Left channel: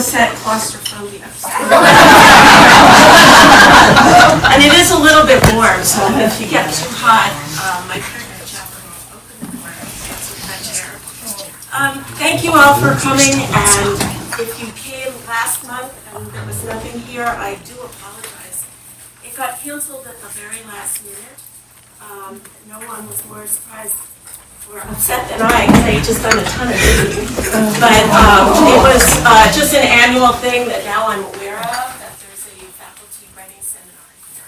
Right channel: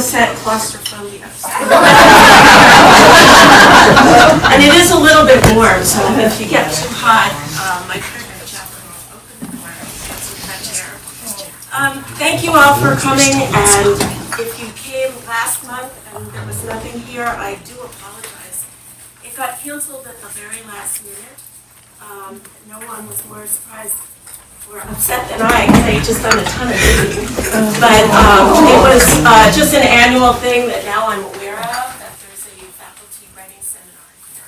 Set claustrophobia. And it is a little bit warm, so if you get too hot, my privilege. Thank you all for coming, and if you came last month and there was nothing here, I do apologize. It got canceled at the very last minute. No one was more surprised or upset than I, because I just done a ton of reading. But it was just an annual thing that now I'm aware of, that there's a faculty writing seminar here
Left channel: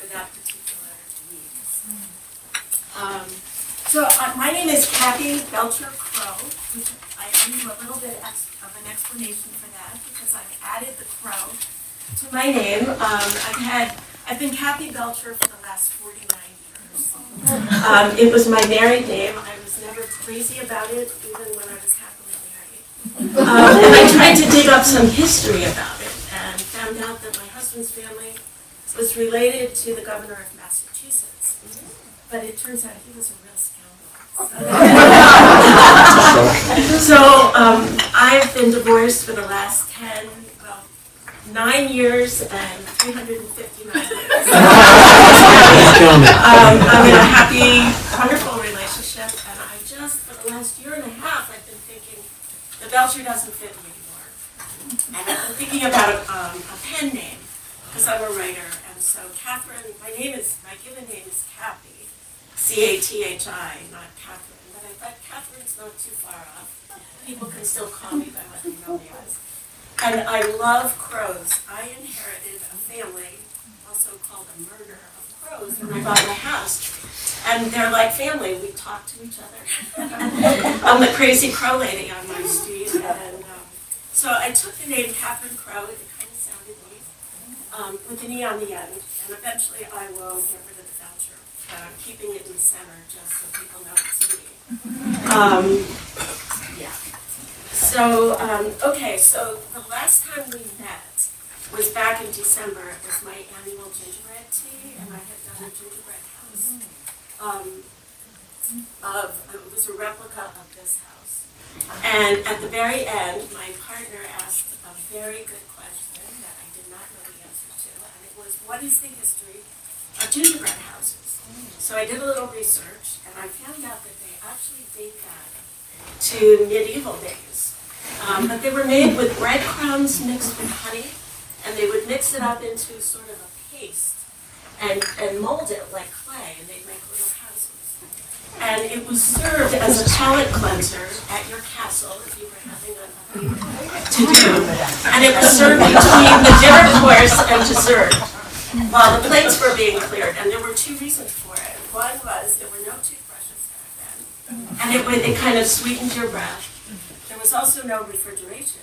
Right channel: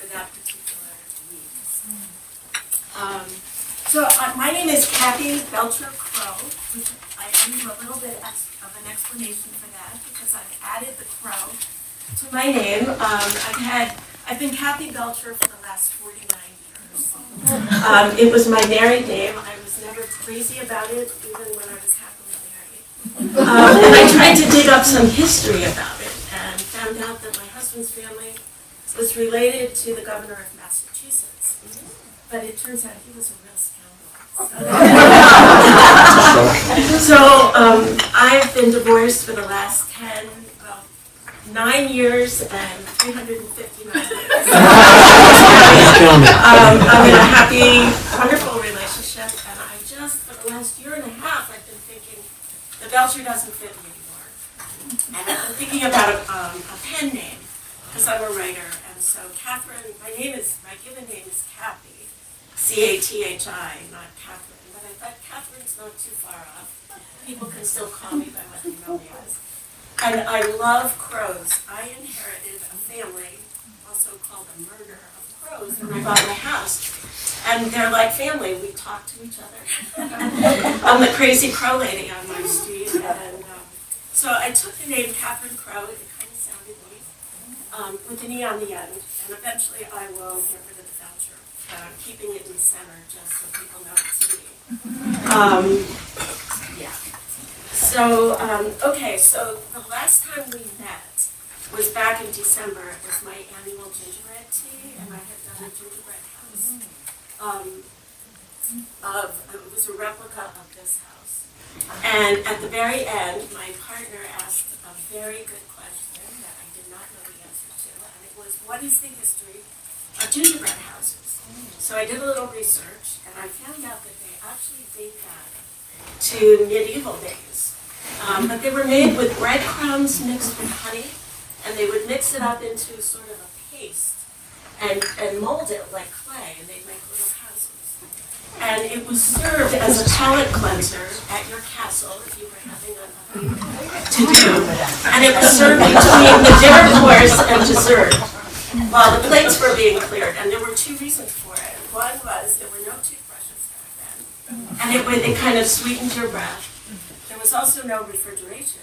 for that particular week. My name is Kathy Belcher Crow. I owe you a little bit of an explanation for that, because I've added the Crow to my name. I've been Kathy Belcher for the last 49 years. It was my married name. I was never crazy about it, even when I was happily married. And I tried to dig up some history about it and found out that my husband's family was related to the governor of Massachusetts. But it turns out he was a real scoundrel. So I've been divorced for the last 9 years and 359 days. I'm in a happy, wonderful relationship, and I just, for the last year and a half, I've been thinking, the Belcher doesn't fit me anymore. And I've been thinking about a pen name, because I'm a writer, and so Catherine, my given name is Kathy, C-A-T-H-I, not Catherine, but I thought Catherine's not too far off. People can still call me by what they know me as. And I love crows. I inherited a family, also called the murder of crows, when I bought my house. And they're like family. We talk to each other. I'm the crazy crow lady on my street. And so I took the name Catherine Crow. It kind of sounded nice, with an E on the end. And eventually I will get rid of the Belcher, keeping it in the center just so people know it's me. Yeah. So, so the last time we met was back in December. It was my annual gingerbread tea, and I had done a gingerbread house. It was a replica of this house. And at the very end, my partner asked a very good question that I did not know the answer to, and it was, what is the history of gingerbread houses? So I did a little research, and I found out that they actually date back to medieval days. But they were made with breadcrumbs mixed with honey, and they would mix it up into sort of a paste and mold it like clay, and they'd make little houses. And it was served as a palate cleanser at your castle if you were having nothing to do. And it was served between the dinner course and dessert while the plates were being cleared. And there were two reasons for it. One was there were no toothbrushes back then, and it kind of sweetened your breath. There was also no refrigeration,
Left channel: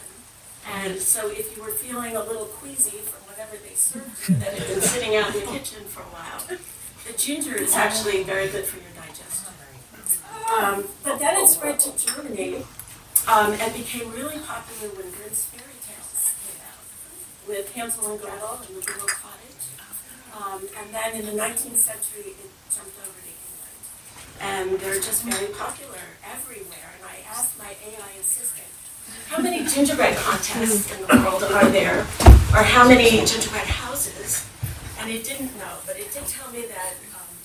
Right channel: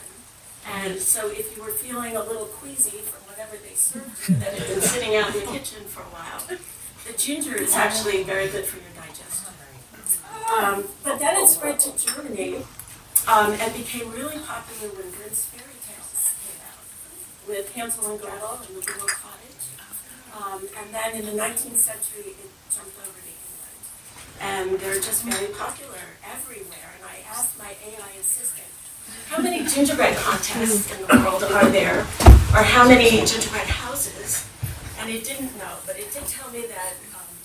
and so if you were feeling a little queasy from whatever they served you that had been sitting out in the kitchen for a while, the ginger is actually very good for your digestion. But then it spread to Germany and became really popular when Grimm's fairy tales came out, with Hansel and Gretel and the Little Cottage. And then in the 19th century, it jumped over to England. And they're just very popular everywhere. And I asked my AI assistant, how many gingerbread contests in the world are there? Or how many gingerbread houses? And it didn't know, but it did tell me that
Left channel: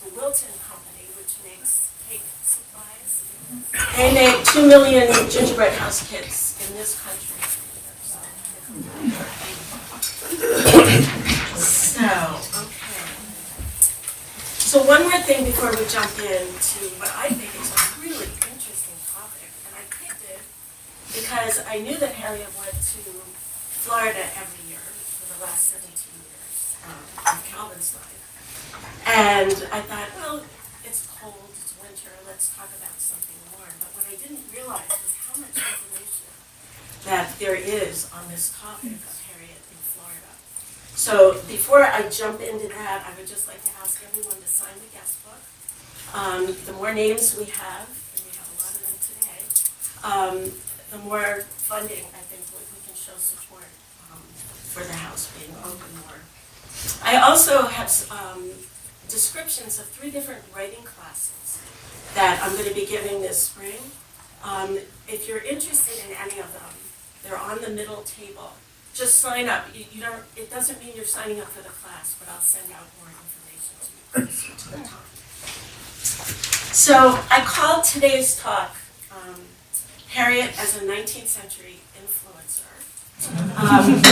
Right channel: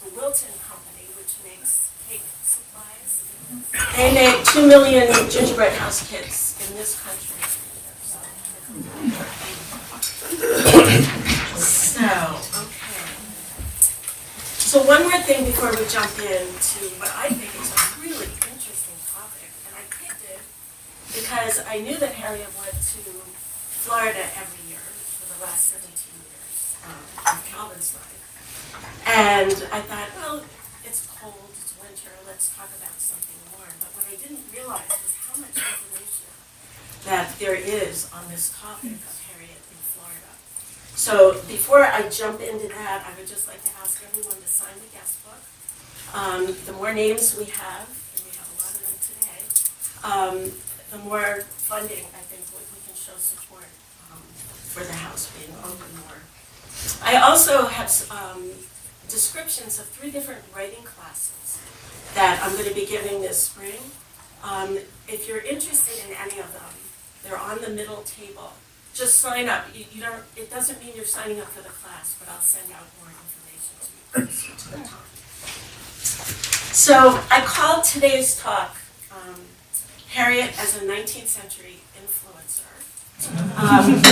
the Wilton Company, which makes cake supplies, they make 2 million gingerbread house kits in this country. So one more thing before we jump into what I think is a really interesting topic, and I picked it because I knew that Harriet went to Florida every year for the last 17 years of Calvin's life. And I thought, well, it's cold, it's winter, let's talk about something warm. But what I didn't realize was how much information that there is on this topic of Harriet in Florida. So before I jump into that, I would just like to ask everyone to sign the guest book. The more names we have, and we have a lot of them today, the more funding I think we can show support for the house being open more. I also have descriptions of 3 different writing classes that I'm going to be giving this spring. If you're interested in any of them, They're on the middle table. Just sign up. You don't. It doesn't mean you're signing up for the class, but I'll send out more information to the talk. So I called today's talk Harriet as a 19th century influencer.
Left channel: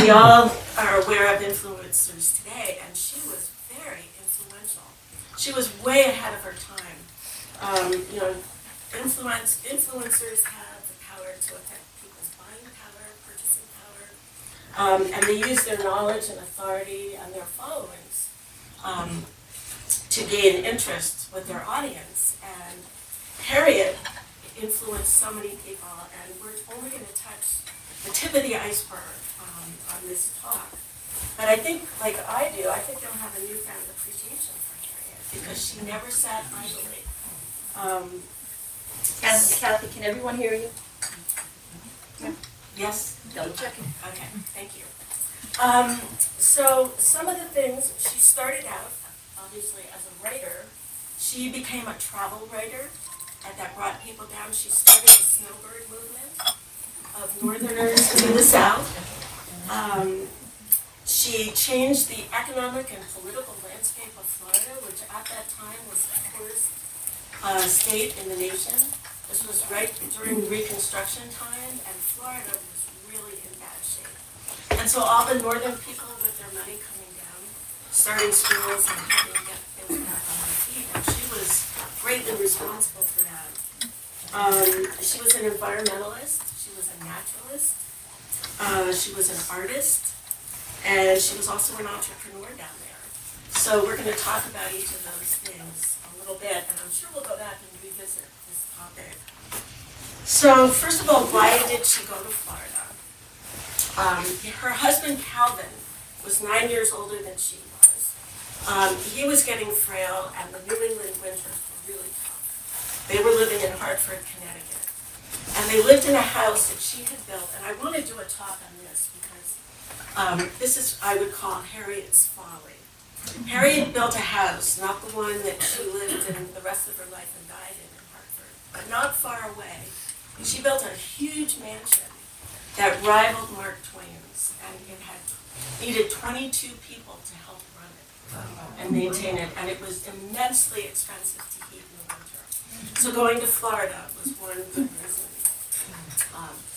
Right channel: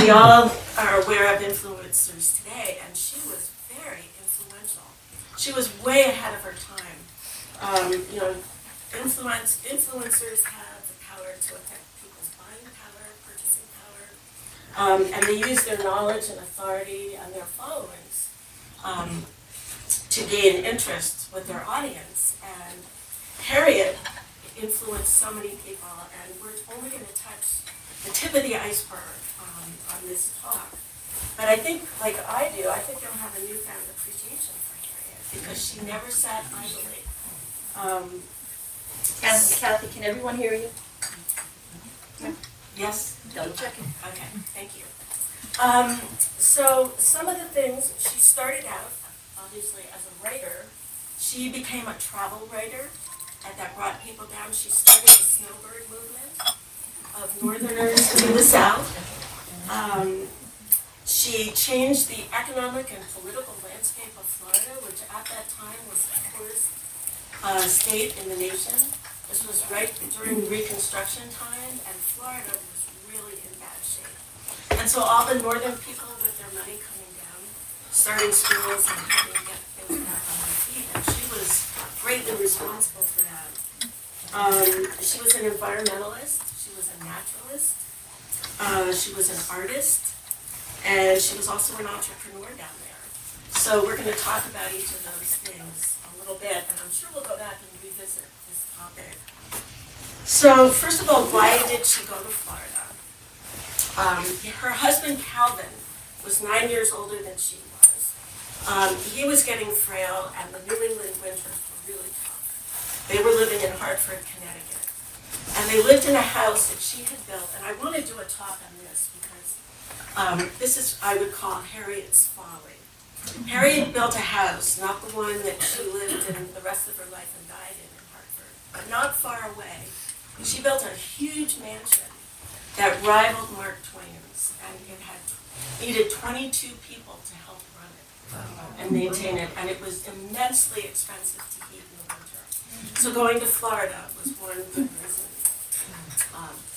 We all are aware of influencers today, and she was very influential. She was way ahead of her time. Influencers have the power to affect people's buying power, purchasing power, and they use their knowledge and authority and their followings to gain interest with their audience. And Harriet influenced so many people, and we're only going to touch the tip of the iceberg on this talk. But I think, like I do, I think they'll have a newfound appreciation for Harriet because she never sat idly. Kathy, can everyone hear you? Yes? Double checking. Okay, thank you. So some of the things, she started out, obviously, as a writer. She became a travel writer, and that brought people down. She started the snowbird movement of northerners to the south. She changed the economic and political landscape of Florida, which at that time was the poorest state in the nation. This was right during Reconstruction time, and Florida was really in bad shape. And so all the northern people with their money coming down, starting schools and helping get things back on their feet, and she was greatly responsible for that. She was an environmentalist, she was a naturalist, she was an artist, and she was also an entrepreneur down there. So we're going to talk about each of those things a little bit, and I'm sure we'll go back and revisit this topic. So first of all, why did she go to Florida? Her husband, Calvin, was 9 years older than she was. He was getting frail, and the New England winters were really tough. They were living in Hartford, Connecticut. And they lived in a house that she had built, and I want to do a talk on this because this is, I would call Harriet's folly. Harriet built a house, not the one that she lived in the rest of her life and died in Hartford, but not far away. She built a huge mansion that rivaled Mark Twain's, and it needed 22 people to help run it and maintain it, and it was immensely expensive to heat in the winter. So going to Florida was one good reason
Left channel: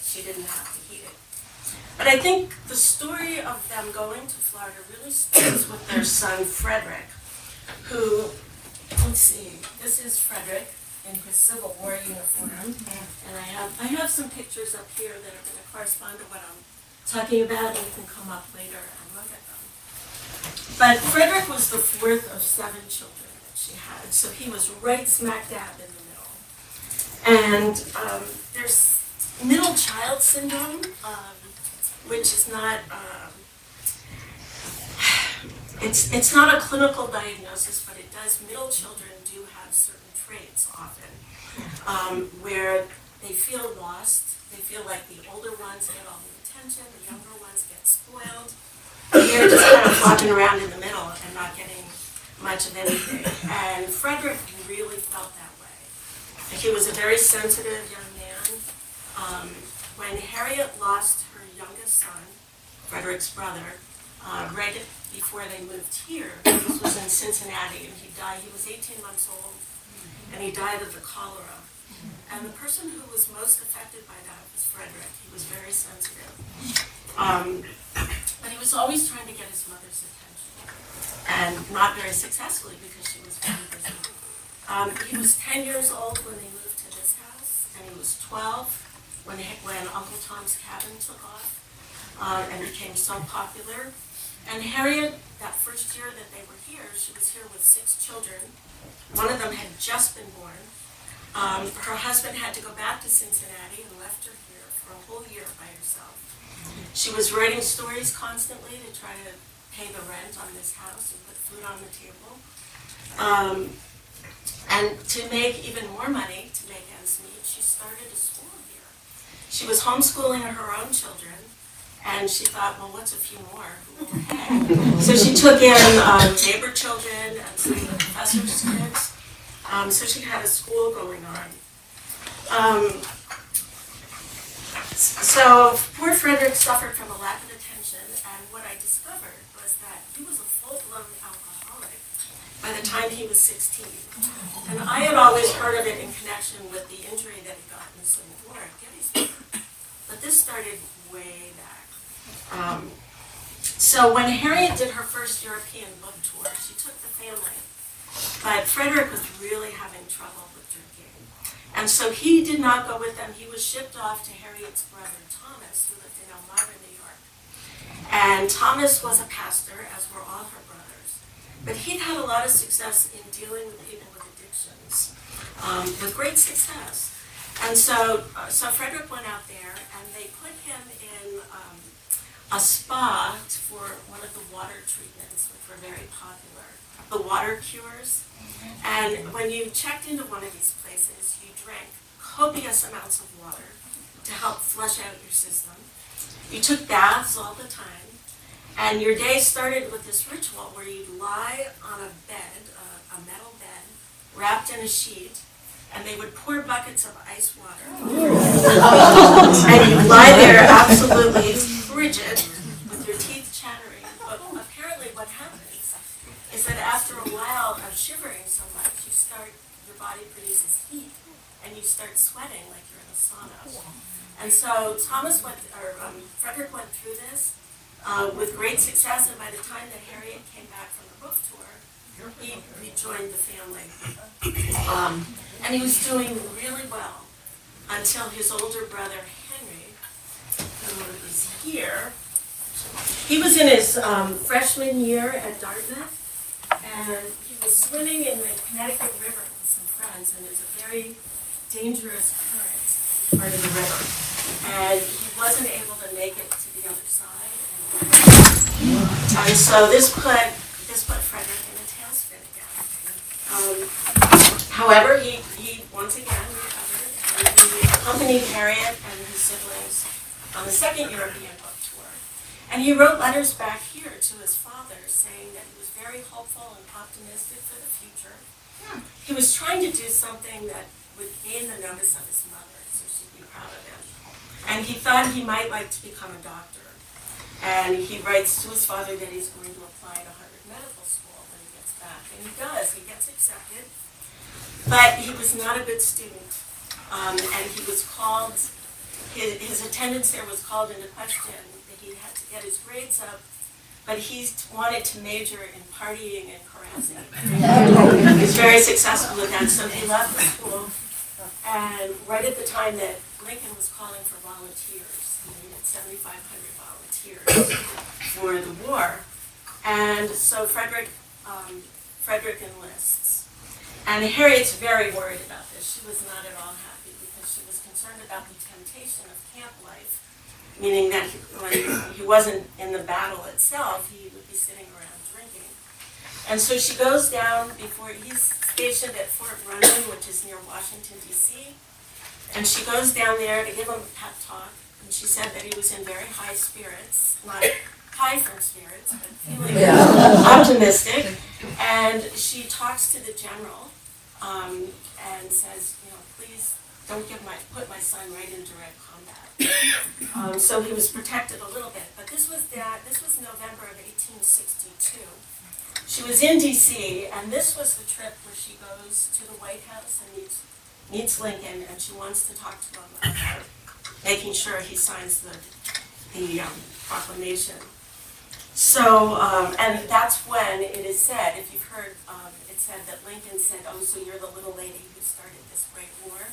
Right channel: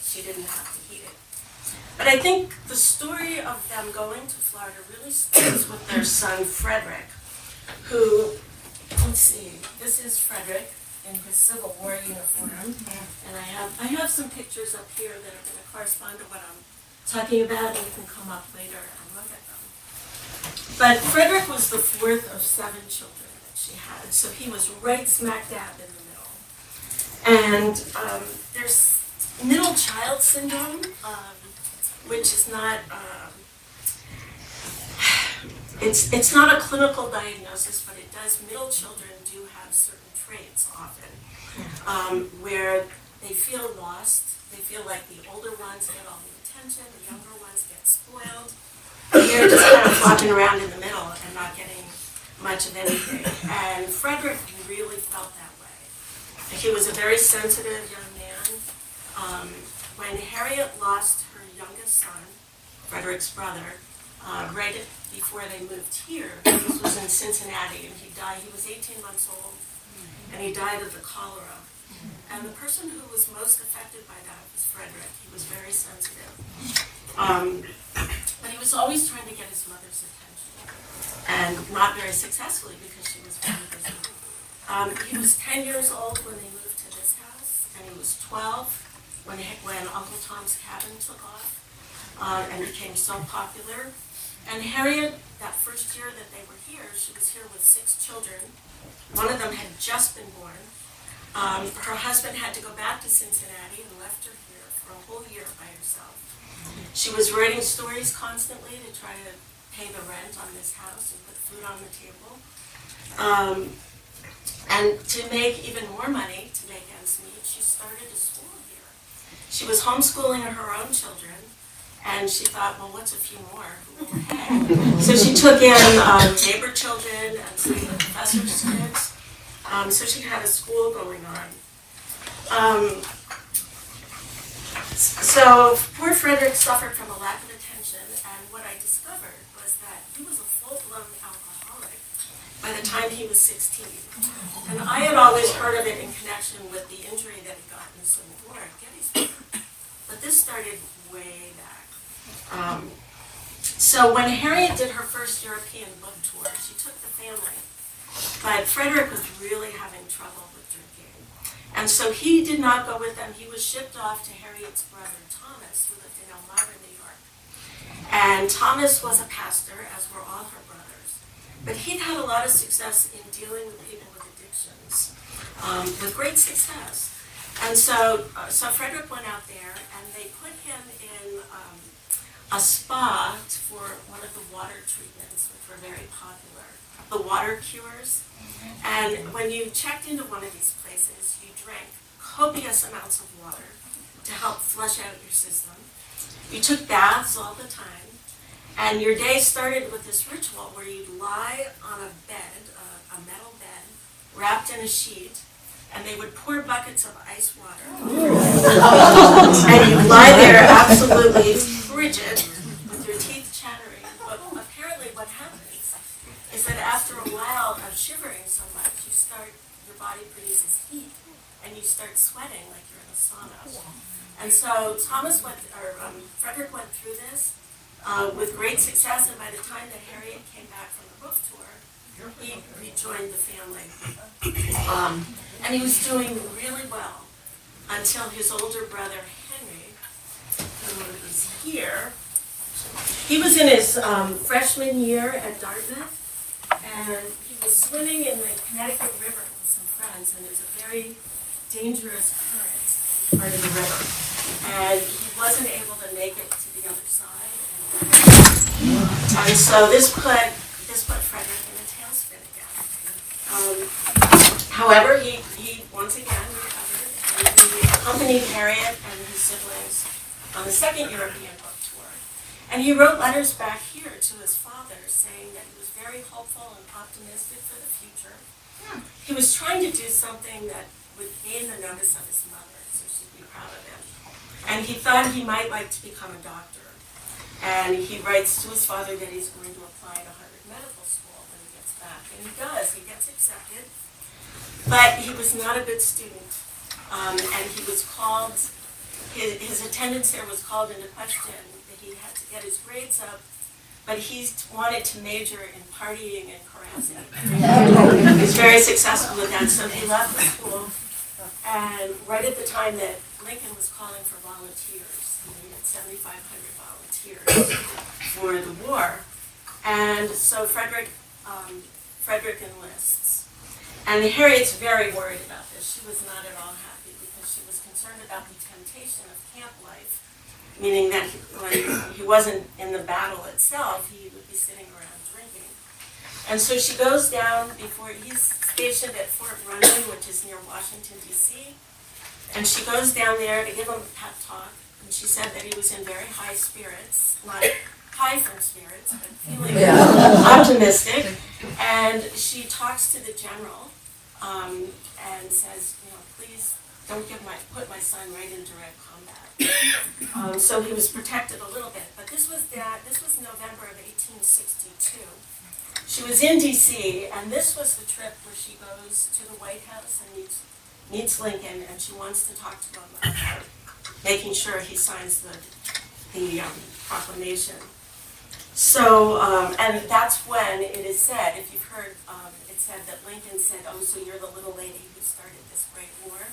she didn't have to heat it. But I think the story of them going to Florida really starts with their son, Frederick, who, let's see, this is Frederick in his Civil War uniform. And I have some pictures up here that are going to correspond to what I'm talking about, and you can come up later and look at them. But Frederick was the fourth of 7 children that she had, so he was right smack dab in the middle. And there's middle child syndrome, which is not, it's not a clinical diagnosis, but it does, middle children do have certain traits often, where they feel lost, they feel like the older ones get all the attention, the younger ones get spoiled, they're just kind of flopping around in the middle and not getting much of anything. And Frederick really felt that way. He was a very sensitive young man. When Harriet lost her youngest son, Frederick's brother, right before they moved here, this was in Cincinnati, and he died. He was 18 months old, and he died of the cholera. And the person who was most affected by that was Frederick. He was very sensitive. But he was always trying to get his mother's attention, and not very successfully because she was very busy. He was 10 years old when they moved to this house, and he was 12 when Uncle Tom's Cabin took off and became so popular. And Harriet, that first year that they were here, she was here with 6 children. One of them had just been born. Her husband had to go back to Cincinnati and left her here for a whole year by herself. She was writing stories constantly to try to pay the rent on this house and put food on the table. And to make even more money, to make ends meet, she started a school here. She was homeschooling her own children, and she thought, well, what's a few more? So she took in neighbor children and some of the professors' kids. So she had a school going on. So poor Frederick suffered from a lack of attention, and what I discovered was that he was a full-blown alcoholic by the time he was 16. And I had always heard of it in connection with the injury that he got in the Civil War at Gettysburg. But this started way back. So when Harriet did her first European book tour, she took the family. But Frederick was really having trouble with drinking. And so he did not go with them. He was shipped off to Harriet's brother, Thomas, who lived in Elmira, New York. And Thomas was a pastor, as were all her brothers. But he'd had a lot of success in dealing with people with addictions, with great success. And so Frederick went out there, and they put him in a spa for one of the water treatments, which were very popular, the water cures. And when you checked into one of these places, you drank copious amounts of water to help flush out your system. You took baths all the time, and your day started with this ritual where you'd lie on a bed, a metal bed, wrapped in a sheet, and they would pour buckets of ice water. And you'd lie there absolutely frigid, with your teeth chattering. But apparently what happens is that after a while of shivering so much, your body produces heat, and you start sweating like you're in a sauna. And so Frederick went through this with great success, and by the time that Harriet came back from the book tour, he joined the family. And he was doing really well until his older brother, Henry, who is here, he was in his freshman year at Dartmouth, and he was swimming in the Connecticut River with some friends, and there's a very dangerous current part of the river. And he wasn't able to make it to the other side. And so this put Frederick in a tailspin again. However, he once again recovered, and he accompanied Harriet and his siblings on the second European book tour. And he wrote letters back here to his father saying that he was very hopeful and optimistic for the future. He was trying to do something that would gain the notice of his mother, so she'd be proud of him. And he thought he might like to become a doctor. And he writes to his father that he's going to apply to Harvard Medical School when he gets back. And he does. He gets accepted. But he was not a good student. And he was called, his attendance there was called into question. He had to get his grades up. But he wanted to major in partying and carousing. He was very successful with that. So he left the school. And right at the time that Lincoln was calling for volunteers, he needed 7,500 volunteers for the war. And so Frederick enlists. And Harriet's very worried about this. She was not at all happy because she was concerned about the temptation of camp life, meaning that when he wasn't in the battle itself, he would be sitting around drinking. And so she goes down before he's stationed at Fort Rumney, which is near Washington, D.C., and she goes down there to give him a pep talk, and she said that he was in very high spirits, not high from spirits, but feeling optimistic. And she talks to the general and says, please don't put my son right in direct combat. So he was protected a little bit. But this was November of 1862. She was in D.C., and this was the trip where she goes to the White House and meets Lincoln, and she wants to talk to him about making sure he signs the proclamation. So, and that's when it is said, if you've heard, it said that Lincoln said, "Oh, so you're the little lady who started this great war."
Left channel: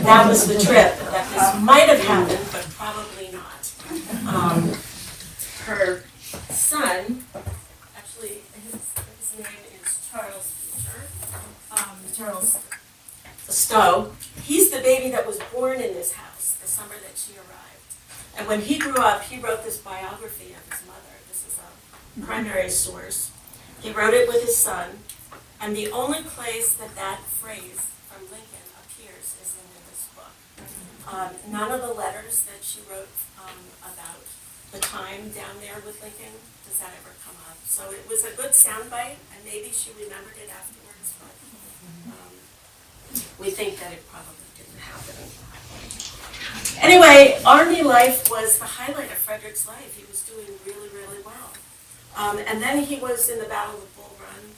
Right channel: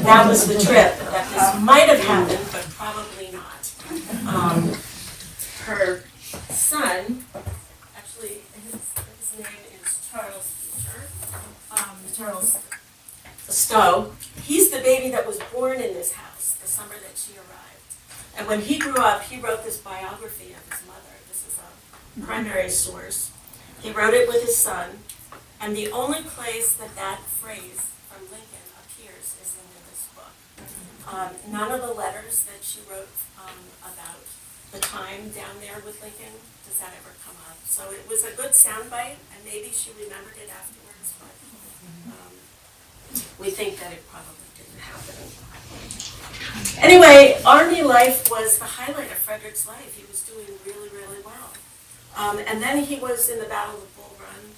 That was the trip that this might have happened, but probably not. Her son, actually, his name is Charles Beecher, Charles Stowe. He's the baby that was born in this house the summer that she arrived. And when he grew up, he wrote this biography of his mother. This is a primary source. He wrote it with his son, and the only place that phrase from Lincoln appears is in this book. None of the letters that she wrote about the time down there with Lincoln does that ever come up. So it was a good soundbite, and maybe she remembered it afterwards, but we think that it probably didn't happen. Anyway, Army life was the highlight of Frederick's life. He was doing really, really well. And then he was in the Battle of Bull Run.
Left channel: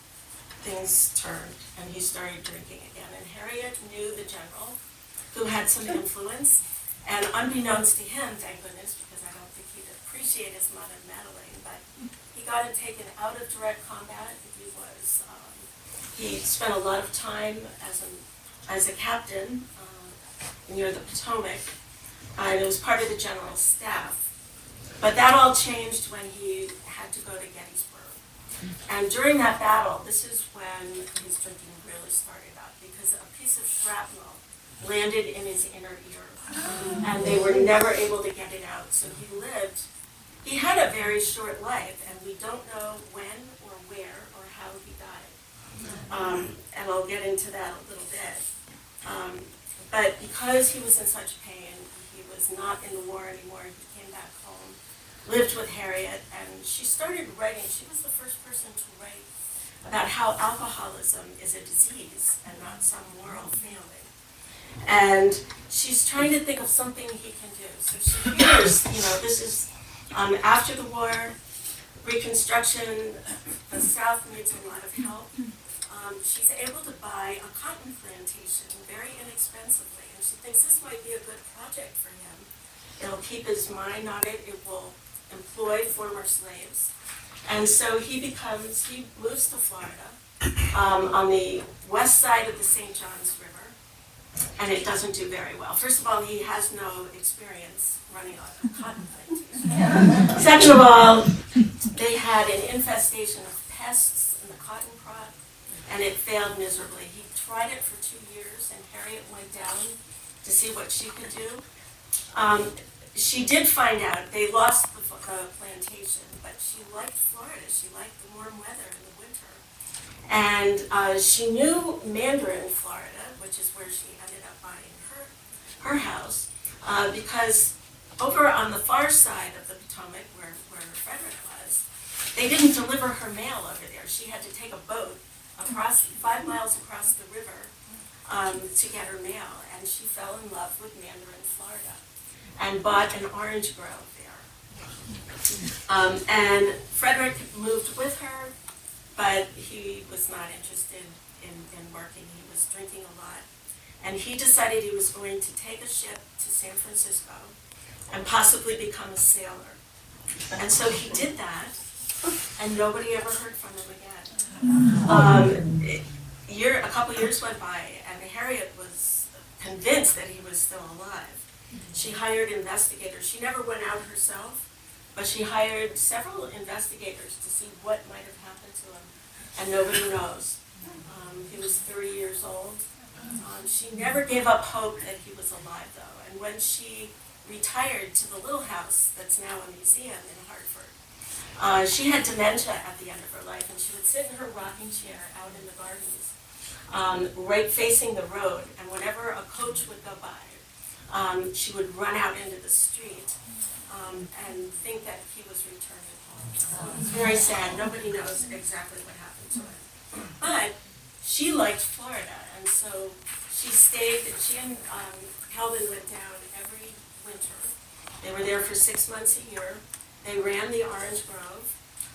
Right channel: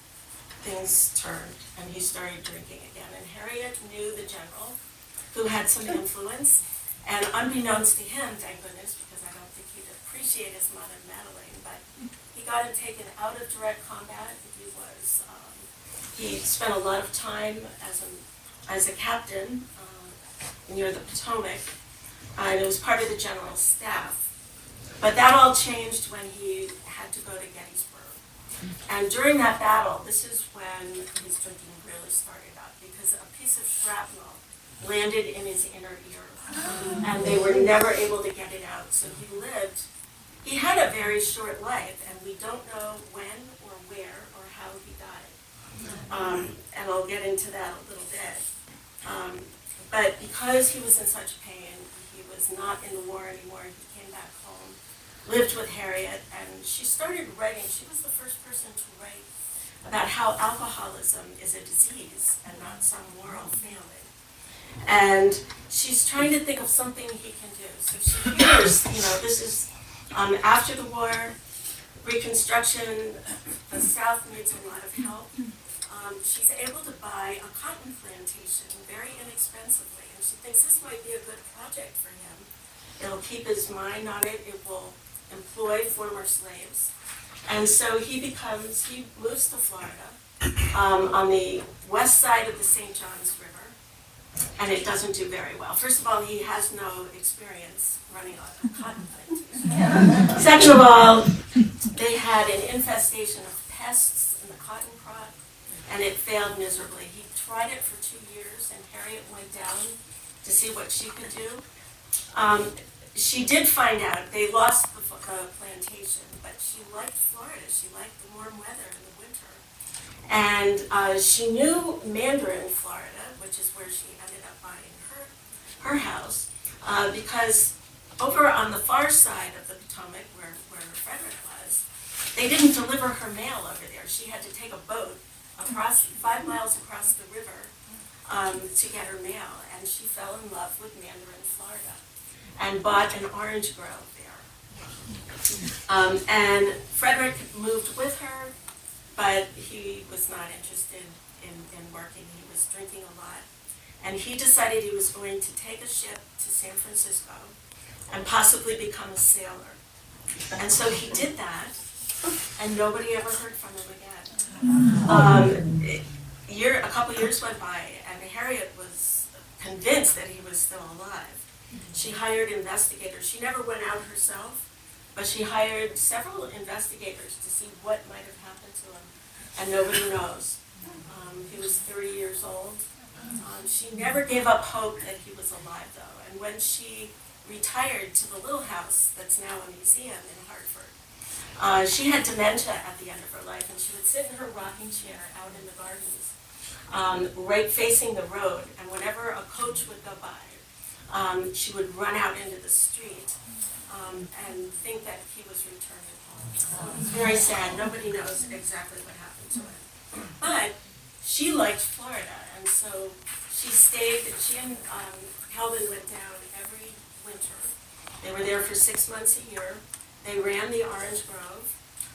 Things turned, and he started drinking again. And Harriet knew the general, who had some influence. And unbeknownst to him, thank goodness, because I don't think he'd appreciate his mother meddling, but he got him taken out of direct combat. He spent a lot of time as a captain near the Potomac. And it was part of the general's staff. But that all changed when he had to go to Gettysburg. And during that battle, this is when his drinking really started up, because a piece of shrapnel landed in his inner ear. And they were never able to get it out. So he lived. He had a very short life, and we don't know when or where or how he got it. And I'll get into that a little bit. But because he was in such pain, he was not in the war anymore. He came back home, lived with Harriet, and she started writing. She was the first person to write about how alcoholism is a disease and not some moral failing. And she's trying to think of something he can do. So she hears, this is after the war, Reconstruction, the South needs a lot of help. She's able to buy a cotton plantation very inexpensively, and she thinks this might be a good project for him. It'll keep his mind on it. It will employ former slaves. And so he moves to Florida on the west side of the St. Johns River, and it doesn't do very well. First of all, he has no experience running a cotton plantation. Second of all, they had an infestation of pests in the cotton crop, and it failed miserably. He tried it for 2 years, and Harriet went down to see what she could do. She did find out they lost the plantation, but she liked Florida. She liked the warm weather in the winter. And she knew Mandarin, Florida, which is where she ended up buying her house, because over on the far side of the Potomac, where Frederick was, they didn't deliver her mail over there. She had to take a boat 5 miles across the river to get her mail, and she fell in love with Mandarin, Florida, and bought an orange grove there. And Frederick moved with her, but he was not interested in working. He was drinking a lot, and he decided he was going to take a ship to San Francisco and possibly become a sailor. And so he did that, and nobody ever heard from him again. A couple years went by, and Harriet was convinced that he was still alive. She hired investigators. She never went out herself, but she hired several investigators to see what might have happened to him, and nobody knows. He was 30 years old. She never gave up hope that he was alive, though, and when she retired to the little house that's now a museum in Hartford, she had dementia at the end of her life, and she would sit in her rocking chair out in the gardens, right facing the road, and whenever a coach would go by, she would run out into the street and think that he was returning home. Very sad. Nobody knows exactly what happened to her. But she liked Florida, and so she and Calvin went down every winter. They were there for 6 months a year. They ran the Orange Grove,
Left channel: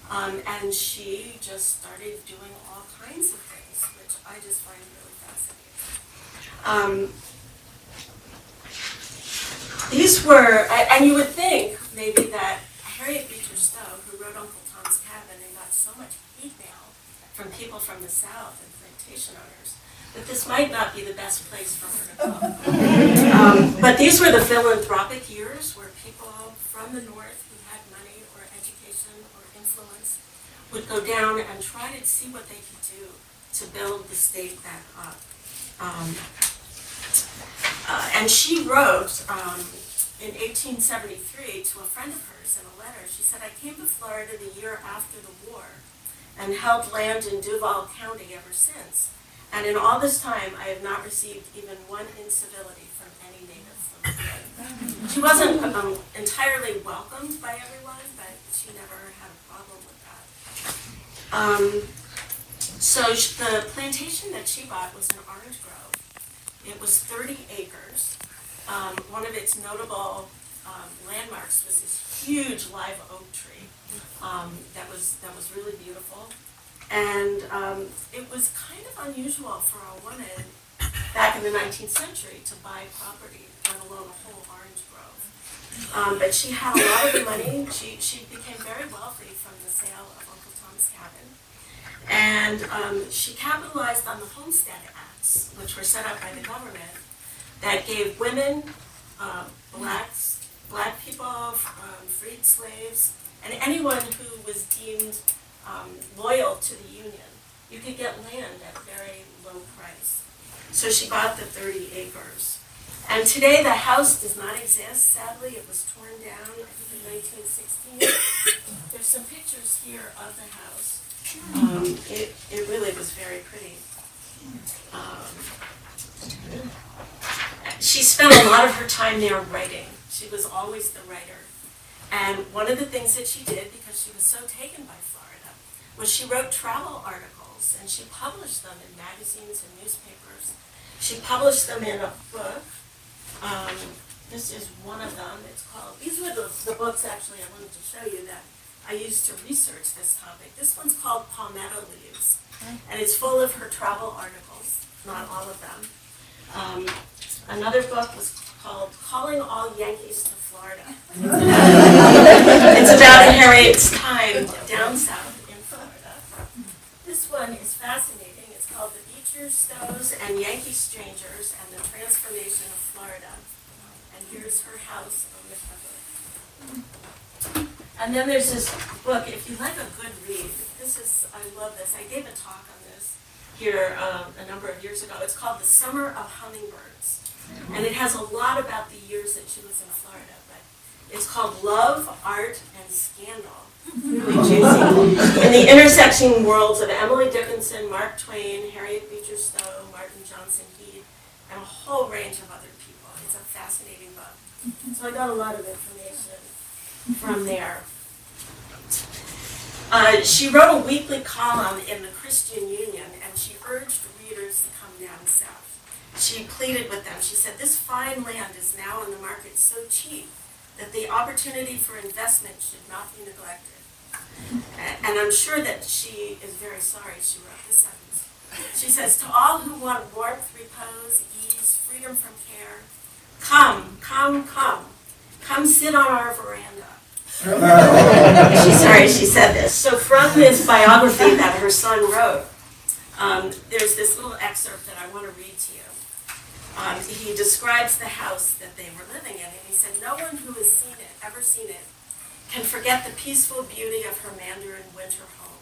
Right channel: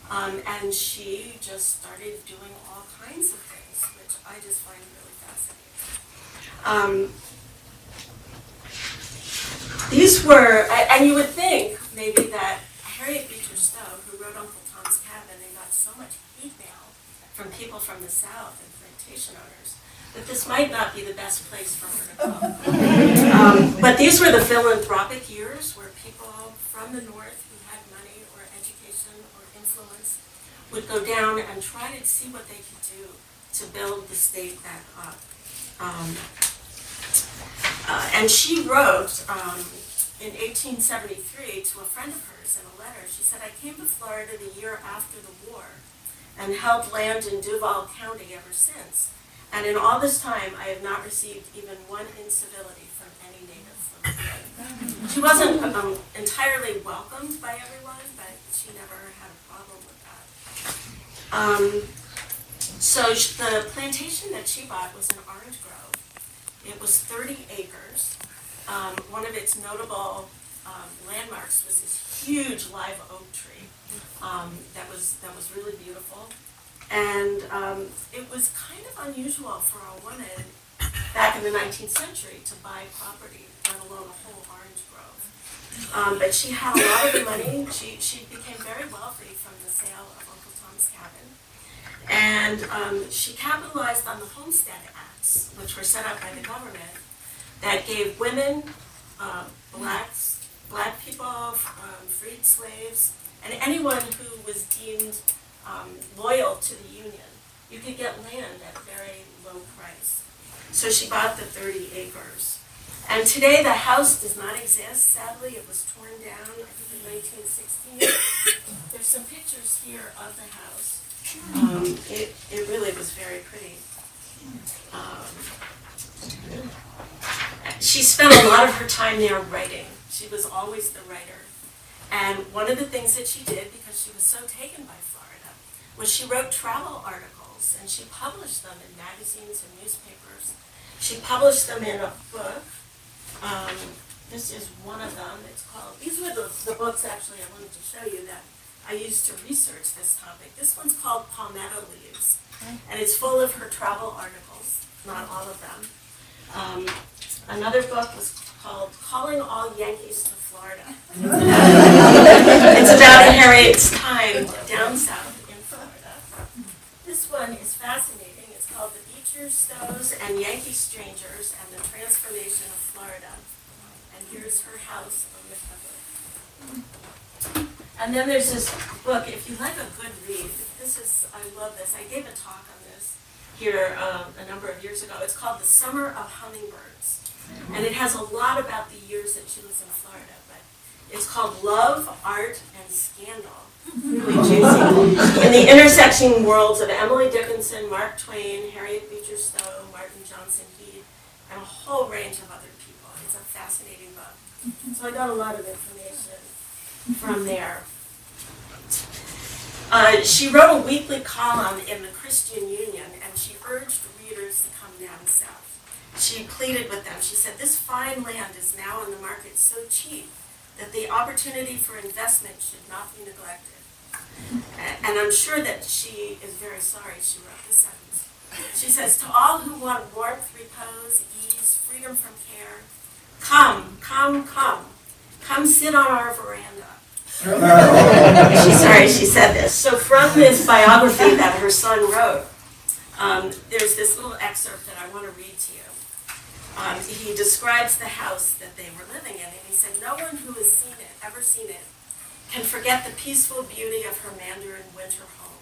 and she just started doing all kinds of things, which I just find really fascinating. These were, and you would think maybe that Harriet Beecher Stowe, who wrote Uncle Tom's Cabin and got so much hate mail from people from the South and plantation owners, that this might not be the best place for her to go. But these were the philanthropic years where people from the North who had money or education or influence would go down and try to see what they could do to build the state back up. And she wrote in 1873 to a friend of hers in a letter, she said, "I came to Florida the year after the war and held land in Duval County ever since. And in all this time, I have not received even one incivility from any native of the Florida." She wasn't entirely welcomed by everyone, but she never had a problem with that. So the plantation that she bought was an orange grove. It was 30 acres, one of its notable landmarks was this huge live oak tree that was really beautiful. And it was kind of unusual for a woman back in the 19th century to buy property, let alone a whole orange grove. But she had a lot of the money. She became very wealthy from the sale of Uncle Tom's Cabin. And she capitalized on the Homestead Acts, which were set up by the government, that gave women, black people, freed slaves, and anyone who was deemed loyal to the Union, you could get land at a very low price. So she bought the 30 acres. And today the house does not exist. Sadly, it was torn down, I think, in 1916. There's some pictures here of the house. It really was very pretty. She spent a lot of her time there writing. She was always the writer. And one of the things that she did, because she was so taken by Florida, was she wrote travel articles, and she published them in magazines and newspapers. She published them in a book. This is one of them. It's called, these were the books, actually, I wanted to show you that I used to research this topic. This one's called Palmetto Leaves, and it's full of her travel articles, not all of them. Another book is called Calling All Yankees to Florida. It's about Harriet's time down south in Florida. This one is fascinating. It's called The Beecher, Stowe's, and Yankee Strangers and the Transformation of Florida. And here's her house on the cover. And then there's this book, if you like a good read, I love this. I gave a talk on this here a number of years ago. It's called The Summer of Hummingbirds. And it has a lot about the years that she was in Florida, but it's called Love, Art, and Scandal. Really juicy. In the intersecting worlds of Emily Dickinson, Mark Twain, Harriet Beecher Stowe, Martin Johnson Heed, and a whole range of other people. It's a fascinating book. So I got a lot of information from there. She wrote a weekly column in the Christian Union, and she urged readers to come down south. She pleaded with them. She said, this fine land is now on the market so cheap that the opportunity for investment should not be neglected. And I'm sure that she is very sorry she wrote this sentence. She says, to all who want warmth, repose, ease, freedom from care, come sit on our veranda. She's sorry she said this. So from this biography that her son wrote, there's this little excerpt that I want to read to you. He describes the house that they were living in, and he said, no one who has ever seen it, can forget the peaceful beauty of her Mandarin winter home.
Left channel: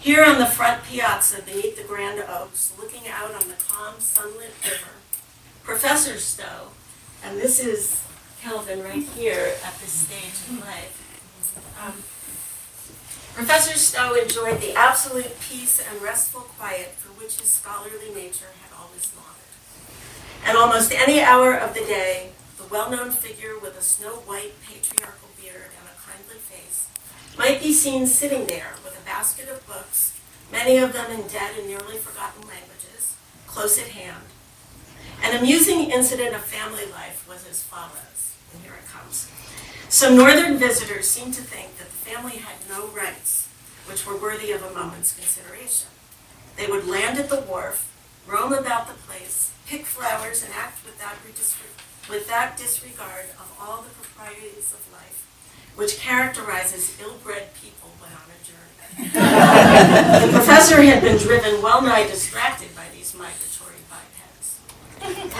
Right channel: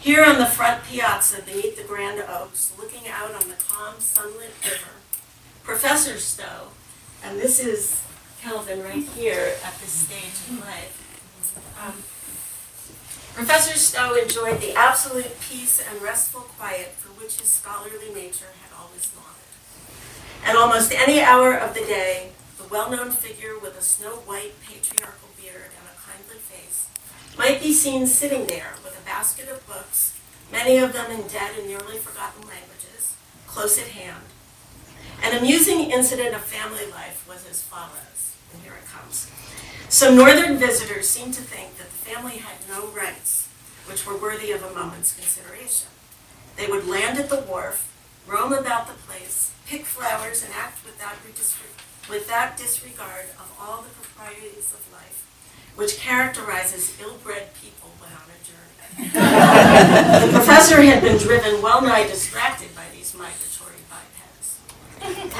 Here on the front piazza beneath the grand oaks, looking out on the calm, sunlit river, Professor Stowe, and this is Kelvin right here at this stage in life, Professor Stowe enjoyed the absolute peace and restful quiet for which his scholarly nature had always longed. At almost any hour of the day, the well-known figure with a snow-white patriarchal beard and a kindly face might be seen sitting there with a basket of books, many of them in dead and nearly forgotten languages, close at hand. An amusing incident of family life was as follows, and here it comes. Some northern visitors seemed to think that the family had no rights, which were worthy of a moment's consideration. They would land at the wharf, roam about the place, pick flowers, and act without disregard of all the proprieties of life, which characterizes ill-bred people when on a journey. The professor had been driven well-nigh distracted by these migratory bipeds.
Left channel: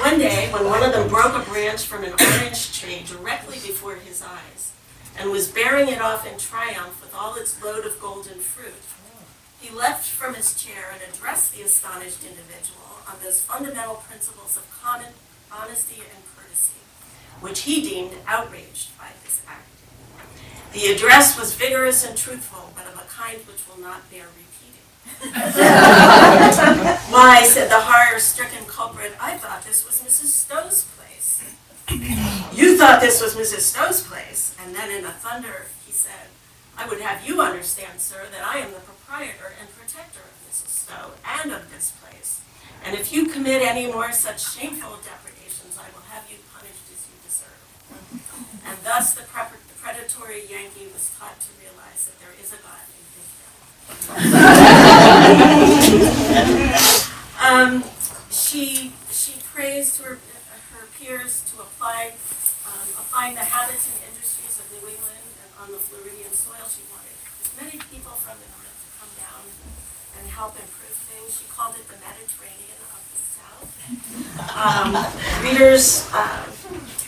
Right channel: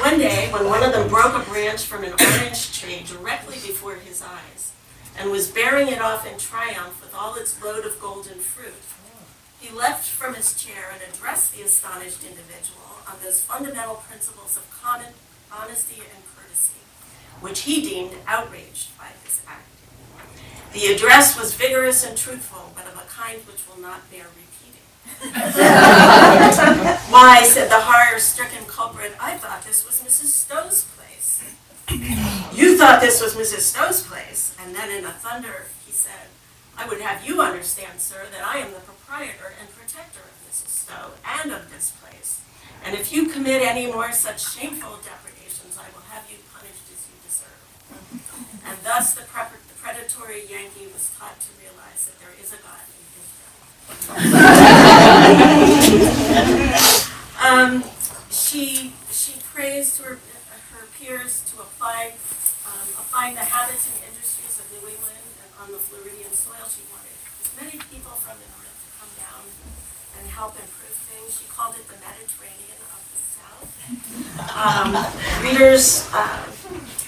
One day, when one of them broke a branch from an orange tree directly before his eyes, and was bearing it off in triumph with all its load of golden fruit, he leapt from his chair and addressed the astonished individual on those fundamental principles of honesty and courtesy, which he deemed outraged by this act. The address was vigorous and truthful, but of a kind which will not bear repeating. Why, said the horror-stricken culprit, I thought this was Mrs. Stowe's place. You thought this was Mrs. Stowe's place, and then in a thunder he said, I would have you understand, sir, that I am the proprietor and protector of Mrs. Stowe and of this place. And if you commit any more such shameful depredations, I will have you punished. And thus the predatory Yankee was taught to realize that there is a God in his She praised her peers to applying the habits and industries of New England and on the Floridian soil. She wanted as many people from the north to come down and help improve things. She called it the Mediterranean of the South. Readers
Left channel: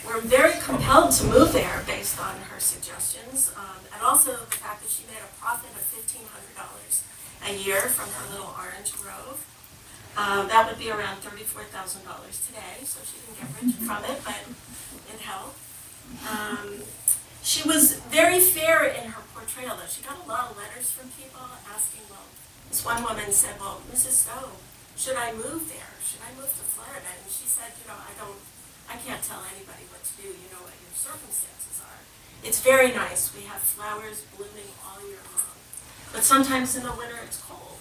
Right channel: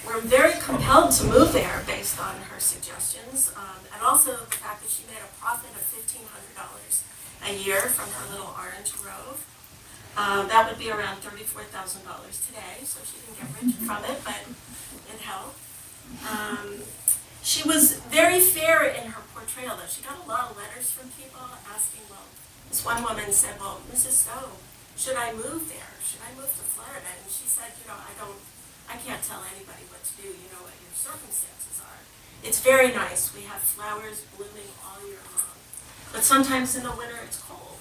were very compelled to move there based on her suggestions, and also the fact that she made a profit of $1,500 a year from her little orange grove. That would be around $34,000 today, so she didn't get rich from it, but it helped. She was very fair in her portrayal, though. She got a lot of letters from people asking, well, this one woman said, well, Mrs. Stowe, should I move there? Should I move to Florida? And she said, I can't tell anybody what to do. You know what your circumstances are. It's very nice. We have flowers blooming all year long. But sometimes in the winter it's cold.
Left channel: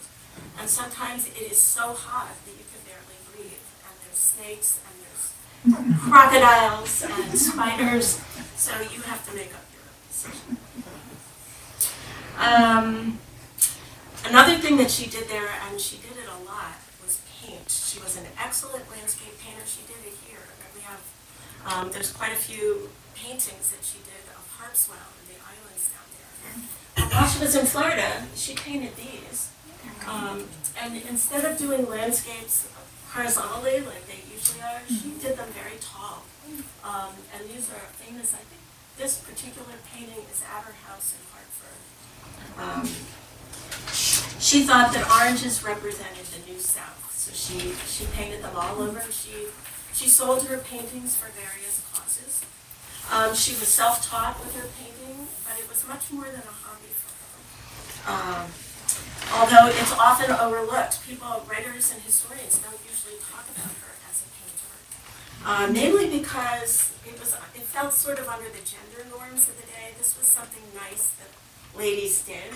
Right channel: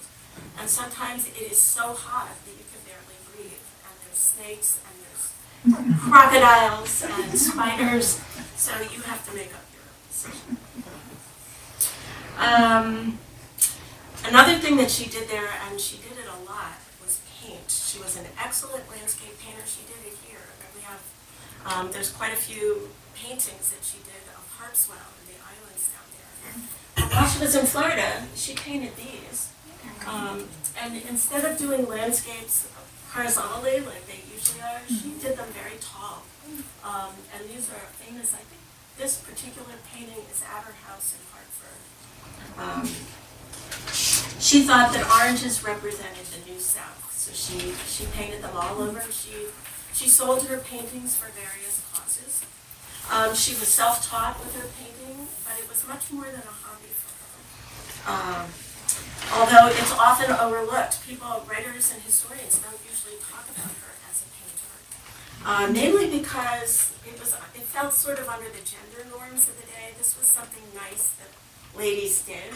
And sometimes it is so hot that you can barely breathe. And there's snakes and there's crocodiles and spiders. So you have to make up your own decision. Another thing that she did there, and she did it a lot, was paint. She was an excellent landscape painter. She did it here. We have, there's quite a few paintings that she did of Harpswell and the islands down there. While she was in Florida, she painted these. And instead of doing landscapes horizontally like they usually are, she did them very tall. And these are famous. I think this particular painting is at her house in Hartford. She thought that oranges represented the New South, so she painted them all over. She sold her paintings for various causes. She was self-taught with her painting, but it was much more than a hobby for her. Although it's often overlooked, writers and historians don't usually talk about her as a painter, mainly because it felt sort of under the gender norms of the day. This was something nice that ladies did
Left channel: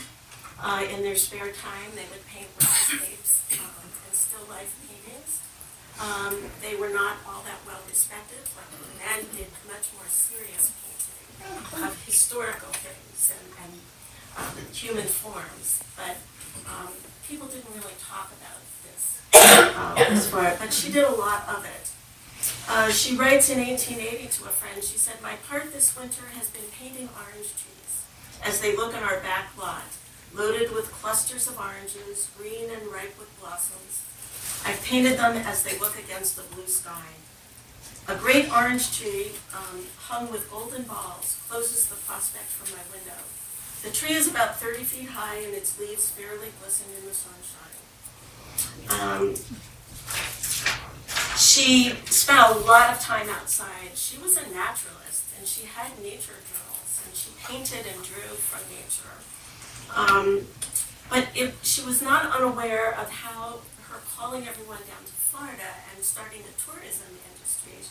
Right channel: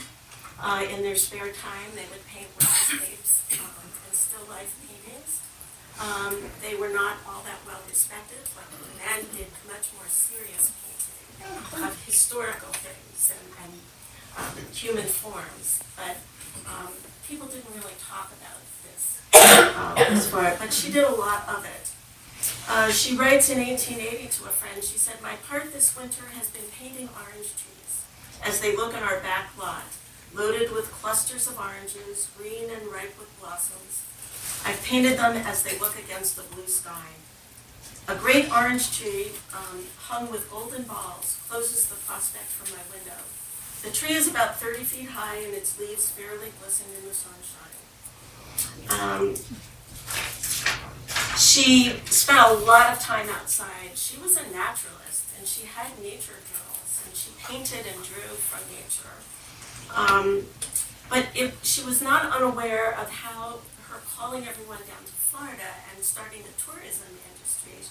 in their spare time. They would paint landscapes and still life paintings. They were not all that well respected, but the men did much more serious painting of historical things and human forms. But people didn't really talk about this but she did a lot of it. She writes in 1880 to a friend, she said, "My part this winter has been painting orange trees as they look in our back lot, loaded with clusters of oranges, green and ripe with blossoms. I've painted them as they look against the blue sky. A great orange tree hung with golden balls closes the prospect from my window. The tree is about 30 feet high and its leaves fairly glisten in the sunshine." She spent a lot of time outside. She was a naturalist, and she had nature journals, and she painted and drew from nature. But she was not unaware of how her calling everyone down to Florida and starting the tourism industry,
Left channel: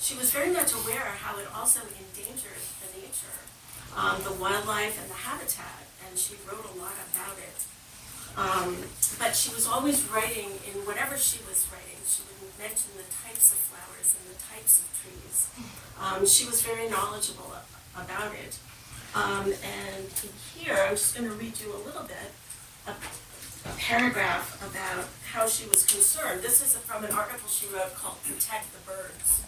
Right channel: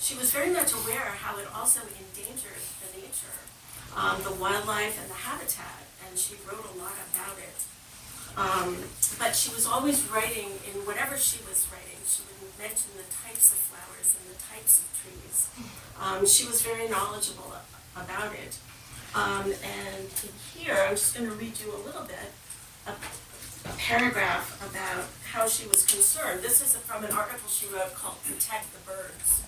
she was very much aware of how it also endangered the nature, the wildlife and the habitat, and she wrote a lot about it. But she was always writing, in whatever she was writing, she would mention the types of flowers and the types of trees. She was very knowledgeable about it. And here, I'm just going to read you a little bit, a paragraph about how she was concerned. This is from an article she wrote called "Protect the Birds."